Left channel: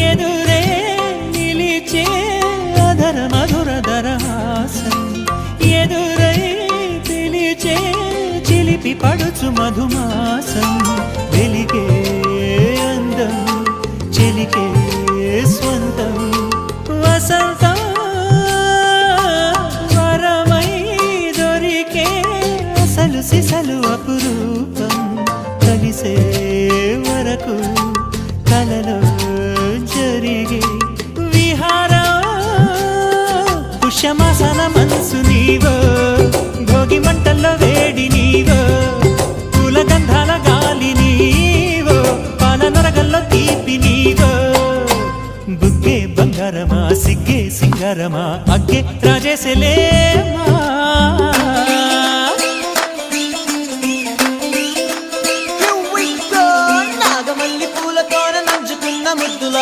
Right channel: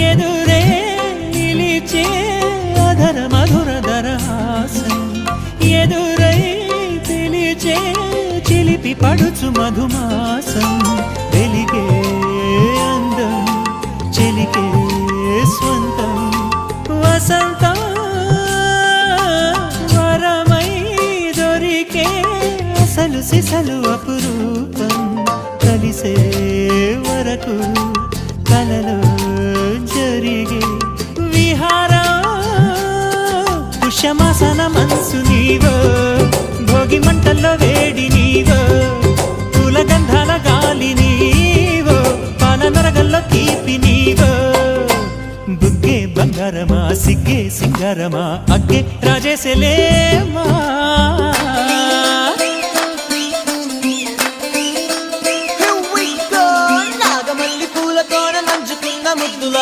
ఎదురే నిలిచే అధర మధుర దరహాసం ఎదురై పిలిచే చిలిపి పడుచు మధుమాసం వెలిగే అందం చెలికే స్వంతం. వసంతం వరమై దొరికే అసలు సిసలు అపురూపం. కలిసే వరకు కలలో జరిగే విహారం? పుష్యమాసన మనసు నీవో? భోగి మంటల్లో వేడి నీవో? పూల గంధాల గాలి నీవో? పాల నరగల్లో తీపి నీవో? బుగ్గే బంగారమా సిగ్గే సింగారమా? అగ్గే రాజేసలేమా Here we go. నాగమల్లి పూలతోన నంచుకున్న ముద్దుల